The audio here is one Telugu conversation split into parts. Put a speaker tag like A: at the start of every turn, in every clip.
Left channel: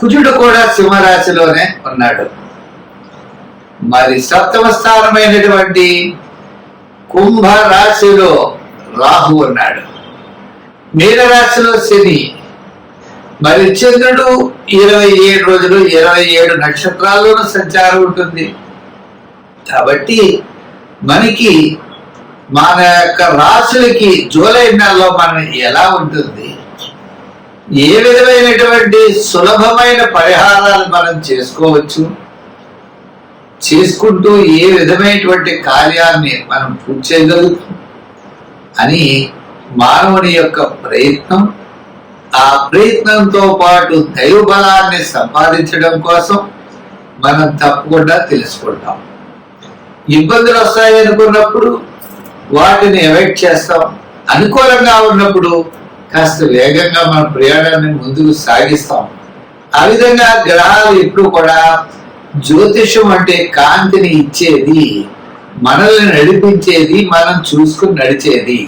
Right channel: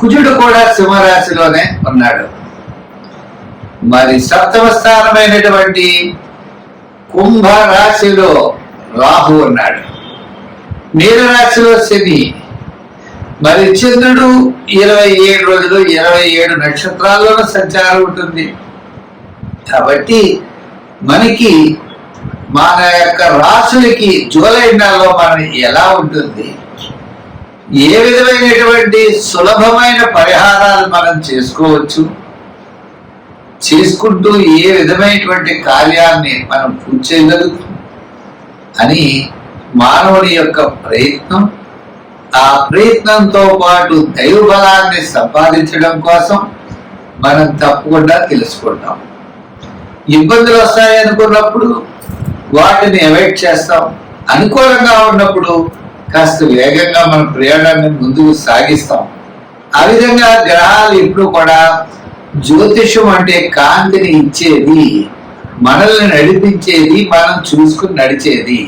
A: కుజుడు కూడా సింహరాశిలోనే ఉన్నాడు మరి సప్తమ స్థానమైనటువంటి కుంభ రాశిలో రాహు ఉన్నాడు మీనరాశిలో శని మరి చంద్రుడు ఇరవై ఏడు రోజులు ఇరవై ఏడు నక్షత్రాల్లోనూ సంచారం ఉంటుంది కాబట్టి మనకి మన యొక్క రాసులకి జూలై నెలలో మన ఎలా ఉంటుంది ఏ విధమైనటువంటి సులభమైన పరిహారాలు మనం చేసుకోవచ్చు చేసుకుంటూ ఏ విధమైనటువంటి కార్యాన్ని మనం పూర్తి చేయగలుగుతాం అని మానవుని యొక్క ప్రయత్నం ఆ ప్రయత్నంతో పాటు దైవ బలాన్ని సంపాదించడం కోసం మనం తప్పకుండా తెలుసుకుంటాం ఇబ్బందులు వస్తాయి అనుకున్నప్పుడు వాటిని అవాయిడ్ చేస్తాం అనుకూలంగా ఉన్నప్పుడు కాస్త వేగంగా మన ప్రయాణాన్ని ముందుకు సాగిస్తాం ఆ విధంగా గ్రహాలు ఎప్పుడు కూడా జ్యోతిషం అంటే కాంతిని ఇచ్చేది మనల్ని నడిపించేది మనం చూసుకుని నడిచేది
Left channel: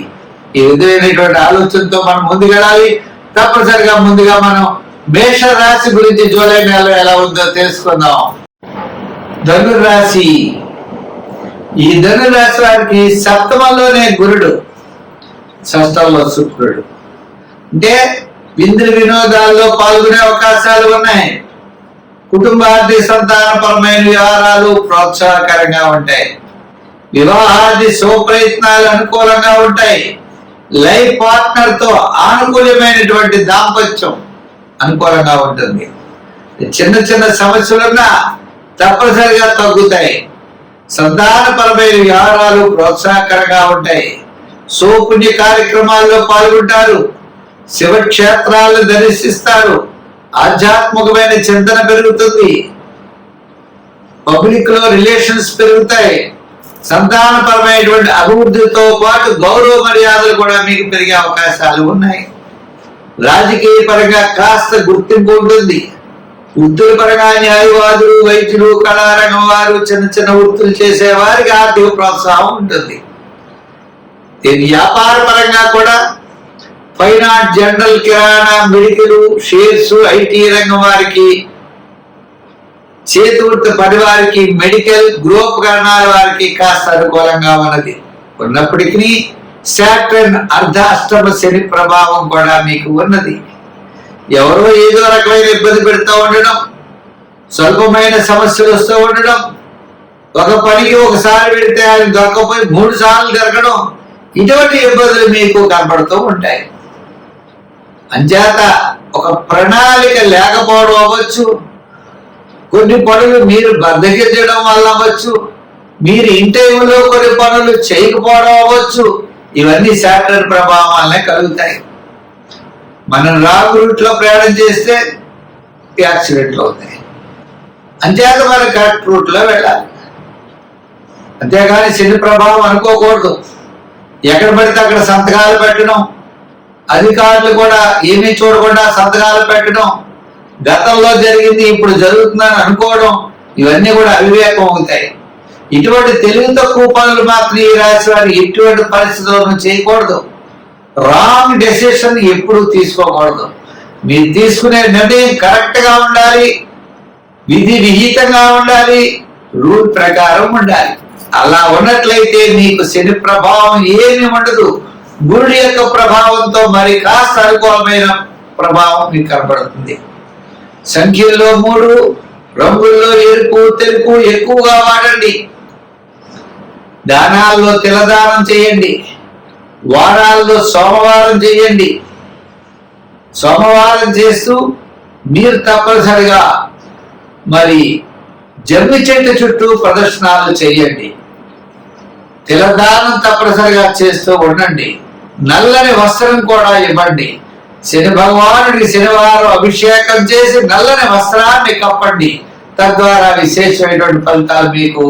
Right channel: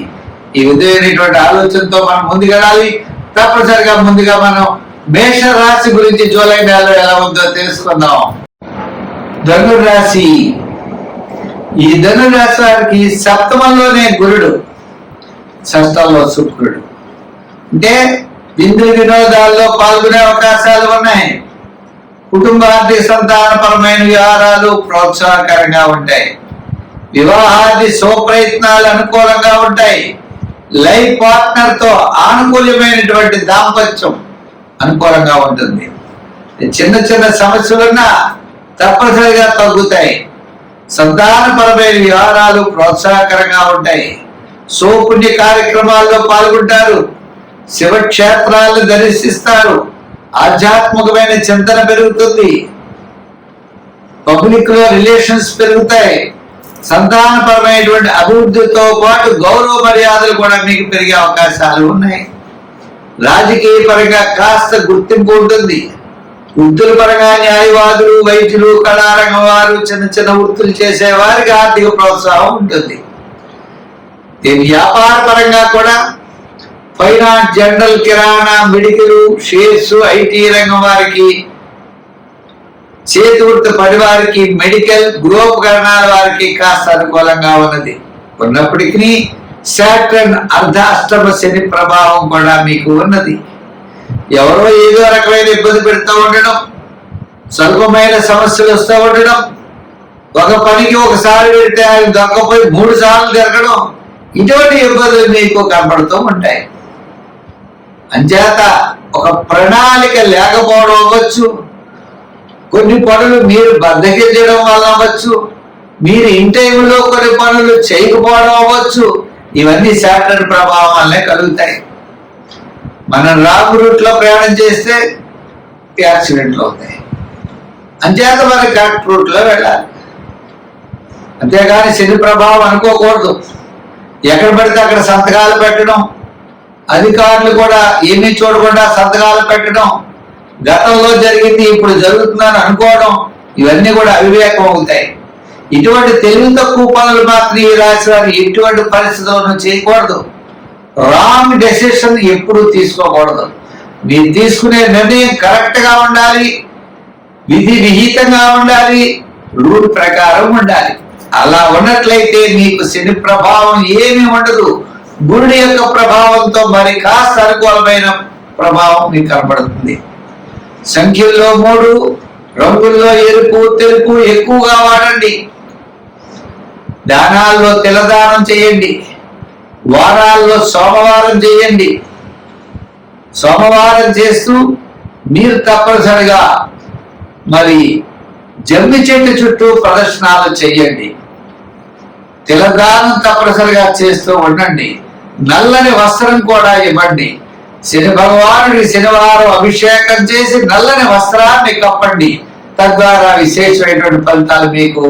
A: ఈ విధమైనటువంటి ఆలోచనతో మనం ముందుకెళ్ళాలి తప్పనిసరిగా ముందుగా మనం మేష రాశి గురించి జూలై నెలలో ఎలా ఉందో తెలుసుకుందాం ధనురాశి ఈ ధనురాశి వారికి సప్తమంలోనే గురుడు షష్టంలో శుక్రుడు అంటే విందు వినోదాల్లో పాల్గొనే అవకాశాలు ఉన్నాయి కుటుంబ ఆర్థిక సంతానపరమైన వ్యవహారాలు ప్రోత్సాహకరంగా ఉంటాయి వివాహాది శుభప్రయత్నాలు అనుకూలంగా ఉంటాయి లైఫ్ పార్ట్నర్ తో ఆనుకూల్యమైనటువంటి దాంపత్యం అనుకూలంగా ఉంటుంది చిన్న చిన్న సమస్యలున్నా తప్పనిసరిగా తగ్గుతాయి సంతానపరమైన వ్యవహారాలు ప్రోత్సాహకరంగా ఉంటాయి సోపుణ్య కార్యక్రమాల్లో పాల్గొంటారు శివక్షేత్రాలను దర్శిస్తారు ఆధ్యాత్మికమైన చింతన పెరుగుతుంది పబ్లిక్ లో రిలేషన్స్ పెరుగుతాయి సంతానపరమైనటువంటి అభివృద్ధితో పాటు గౌరవ మర్యాదలు కూడా మీకు పెరిగే అవకాశాలు ఉన్నాయి రాజకీయ పరంగా కాస్త గుర్తింపు ఉంటుంది వృత్తుల పరంగా న్యాయవాదులు వైద్యులు కళారంగం వారు చిన్న చిన్న వృత్తులు చేసేవారికి ఆర్థిక ప్రోత్సాహం ఉంటుంది దీని వ్యాపార పరంగా కూడా ఫైనాన్స్ జనరల్ కిరాణా మెడికల్ షేర్స్ ఐటీ రంగం వారికి చేతివృత్త పని వారికి మెడికల్ గృహోపకరణాల వారికి కాస్త అనుకూలంగా ఉన్నది ఉన్నప్పటికీ శాటర్న్ అర్ధాష్టమ శని ప్రభావం కూడా మీకు ఉన్నది ఎవరో ఏదో రకమైన ఇబ్బంది పెడతా ఉండడం స్వల్పమైన సమస్యలు వస్తూ ఉండడం ఒక పనికి ఒకసారి పెడితే ఆయన దొరకపోయి మూడు సార్లు తిరగడం ఇటువంటి ఇబ్బందులు మీకు కనబడుతూ ఉంటాయి అంచేత ఒక ప్రణాళిక లేకపోవడం అవ్వచ్చు కొన్ని పనులు మీరు బద్దగించడం వల్ల అవ్వచ్చు మీరు ఇన్ టైంలో కొన్ని పనులు చేయకపోవడం అవ్వచ్చు ఇవన్నీ శాటిలైట్ ప్రభావం వల్లే కలుగుతాయి మనం రాంగ్ రూట్లో ప్రయాణం చేస్తే యాక్సిడెంట్లు అవుతాయి అంచేత మనం కరెక్ట్ రూట్లో వెళ్ళాలి అంతేగాని శని ప్రభావం అనుకోకూడదు ఎక్కడ పడితే అక్కడ సంతకాలు పెట్టడం అధికారులు కూడా ఏమీ చూడకుండా సంతకాలు పెట్టడం గతంలో జరిగింది ఇప్పుడు జరుగుతుందని అనుకోవడం ఇవన్నీ కూడా అవివేకం అవుతాయి ఇటువంటి తెలివి తక్కువ పనులు మాత్రం ఈ రాశి వారు ఎటువంటి పరిస్థితుల్లోనూ చేయకూడదు రాంగ్ డెసిషన్ ఎప్పుడు తీసుకోకూడదు మీరు తీసుకునే నిర్ణయం కరెక్ట్గా ఉండాలి విధి విహితంగా ఉండాలి రూల్ ప్రకారం ఉండాలి అలా ఉన్నట్లయితే మీకు శని ప్రభావం ఏమి ఉండదు గురుడి యొక్క ప్రభావంతో మరి కాస్త అనుకూలమైన ప్రభావం మీకు కనబడుతుంది సంఖ్యల్లో మూడు రంగుల్లో ఎరుపు తెలుపు ఎక్కువగా వాడండి దానాల్లో తిలదానం చేయండి వారాల్లో సోమవారం చేయండి సోమవారం చేస్తూ మీరు తప్పనిసరిగా మరి జమ్మి చెట్టు చుట్టూ ప్రదర్శనాలు చేయండి తిలదానం తప్పనిసరిగా చేస్తూ ఉండండి నల్లని వస్త్రం కూడా ఇవ్వండి శని భగవానుడి శనివారం అభిషేకం చేసి నల్లని వస్త్రాన్ని కప్పండి తద్వారా విశేషమైనటువంటి ఫలితాలు మీకు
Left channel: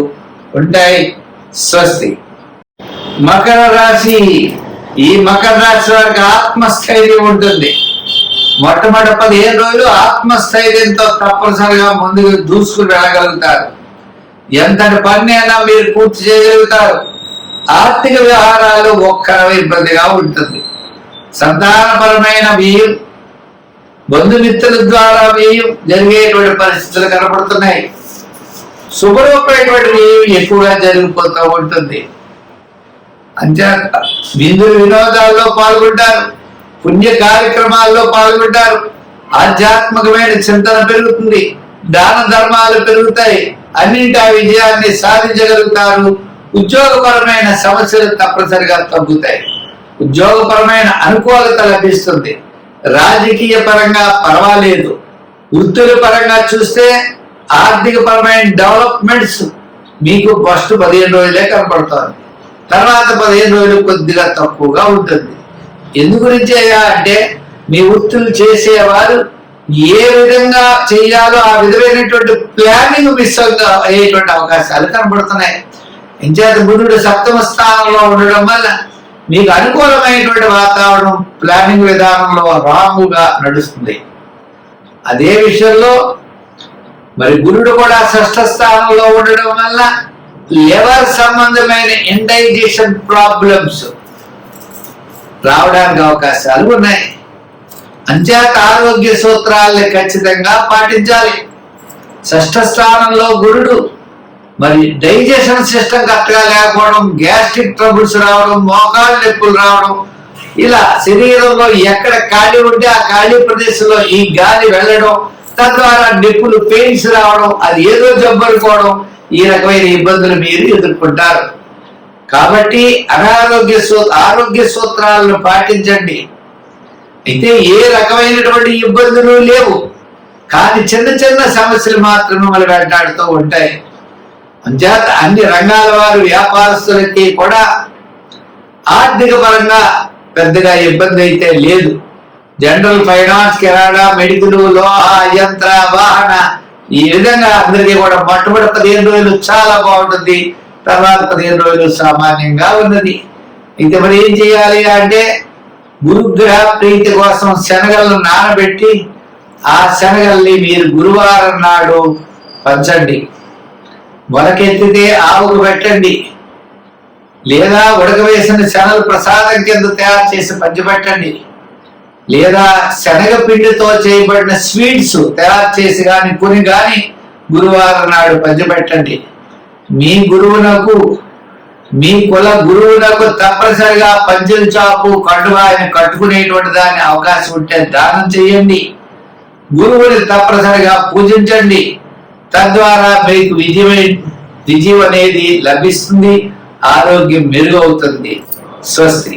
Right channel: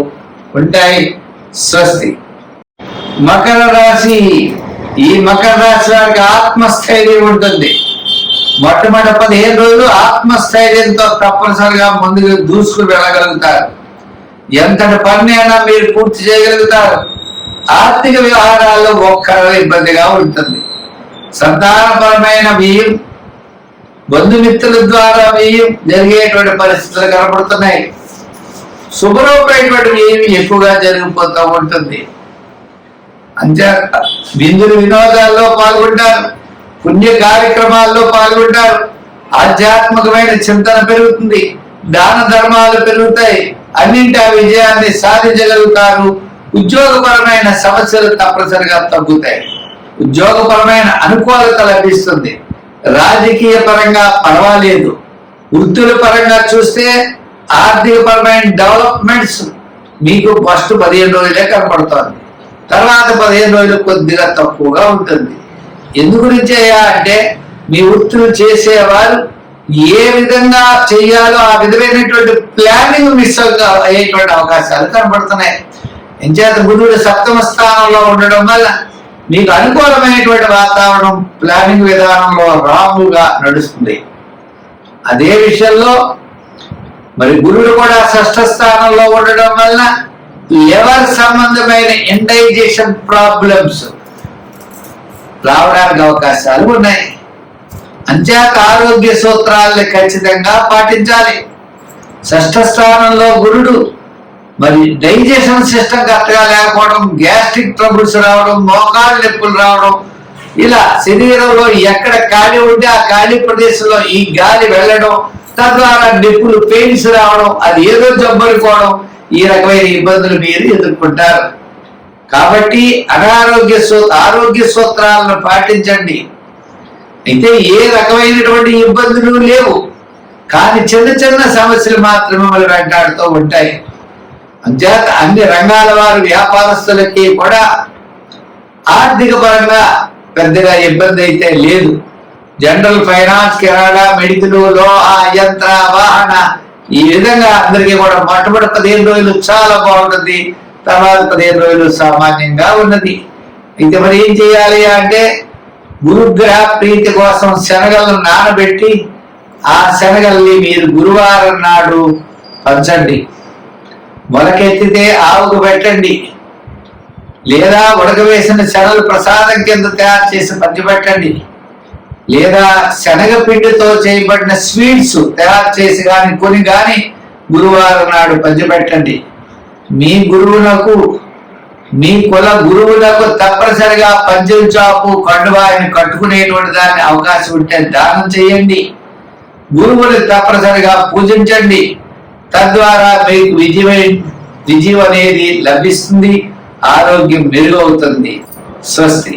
A: ఉంటాయి స్వస్తి మకర రాశి ఈ మకర రాశి వారికి ఆత్మస్థైర్యం ఉంటుంది మొట్టమొదటి పదిహేను రోజులు ఆత్మస్థైర్యంతో తప్పనిసరిగా ముందుకు దూసుకుని వెళ్ళగలుగుతారు ఎంతటి పని అయినా మీరు పూర్తి చేయగలుగుతారు ఆర్థిక వ్యవహారాల్లో ఒక్క ఇబ్బందిగా ఉంటుంది సంతానపరమైన వ్యయం బంధుమిత్రుల ద్వారా వ్యయం జరిగేటువంటి పరిస్థితులు కనపడుతున్నాయి శుభ్రమైనటువంటి వ్యయం ఎక్కువగా జరిగిపోతూ ఉంటుంది అంతే బిందులు వినోదాల్లో పాల్గొంటారు పుణ్య కార్యక్రమాల్లో పాల్గొంటారు ఆధ్యాత్మికమైన చింతన పెరుగుతుంది దాన ధర్మాలు పెరుగుతాయి అన్నింటి ఆ విజయాన్ని సాధించగలుగుతారు ఉద్యోగపరమైన సమస్యలు తప్పనిసరిగా తగ్గుతాయి ఉద్యోగపరమైన అనుకూలత లభిస్తుంది రాజకీయ పరంగా పర్వాలేదు వృత్తుల పరంగా చూస్తే ఆర్థిక పరమైన డెవలప్మెంట్స్ మీకు ఫస్ట్ పదిహేను రోజులే కనపడుతోంది తర్వాత పదిహేను రోజులు కొద్దిగా తక్కువగా ఉంటుంది ఎందు గురించి అంటే మీ వృత్తులు చేసేవారు ఏ విధంగా చేయాలో ఆ విధమైనటువంటి ప్లానింగ్ మిస్ అయ్యేటువంటి అవకాశాలు కనబడుతున్నాయి ఎంచేత బుధుడు సప్తమ స్థానంలో ఉండడం వల్ల మీకు అనుకూలమైనటువంటి వాతావరణం ప్లానింగ్ విధానంలో రాంగుగా నడుస్తుంది అదే విషయంలో మరి గురుడు కూడా షష్ఠ స్థానంలో ఉండడం వల్ల లివర్ సంబంధమైన ఇండైజేషన్ ప్రాబ్లమ్స్ రావడానికి అవకాశాలు ఉన్నాయి అంచేత ఆరోగ్య సూత్రాలని ఖచ్చితంగా పాటించాలి షష్ఠ స్థానంలో గురుడు మరి డైజెషన్ సిస్టమ్ కరెక్ట్గా లేకపోవడం గ్యాస్ట్రిక్ ట్రబుల్స్ రావడం మోకాళ్ళ నొప్పులు రావడం ఇలా శరీరంలో ఎక్కడ ఖాళీ ఉంటే ఆ ఖాళీ ప్రదేశంలో ఈ గాలి వెళ్ళడం తద్వారా నిప్పులు పెయిన్స్ రావడం అది ఏదో జబ్బనుకోవడం ఈ రకమైన ఇబ్బందులు మీరు ఎదుర్కొంటారు కాబట్టి అనారోగ్య సూ ఆరోగ్య సూత్రాలను పాటించండి అయితే ఏ రకమైనటువంటి ఇబ్బందులు లేవు కానీ చిన్న చిన్న సమస్యలు మాత్రమే మిమ్మల్ని వెంటాడుతూ ఉంటాయి అంచేత అన్ని రంగాల వారు వ్యాపారస్తులకి కూడా ఆర్థిక పరంగా పెద్దగా ఇబ్బంది అయితే లేదు జనరల్ ఫైనాన్స్ కిరాణా మెడికల్ లోహ యంత్ర వాహన ఈ విధంగా అందరికీ కూడా మొట్టమొదటి పదిహేను రోజులు చాలా బాగుంటుంది తర్వాత పదిహేను రోజులు సామాన్యంగా ఉన్నది అయితే మరి ఏం చేయాలి అంటే గురుగ్రహ ప్రీతి కోసం శనగలను నానబెట్టి ఆ శనగల్ని మీరు గురువారం నాడు పంచండి వలకెత్తితే ఆవుకు పెట్టండి లేదా ఉడకవేసిన శనలు ప్రసాదం కింద తయారు చేసి పంచిపెట్టండి లేదా శనగపిండితో చేయబడిన స్వీట్స్ తయారు చేసి కానీ కొని కానీ గురువారం నాడు పంచిపెట్టండి మీ గురువునకు మీ కుల గురువునకు తప్పనిసరిగా పంచులు చాపు కండువాయిని కట్టుకునేటువంటి దాన్ని అవకాశం ఉంటే దానం చేయండి గురువుని తప్పనిసరిగా పూజించండి తద్వారా మీకు విజయమే విజయం అనేది లభిస్తుంది ఆరోగ్యం మెరుగవుతుంది స్వస్తి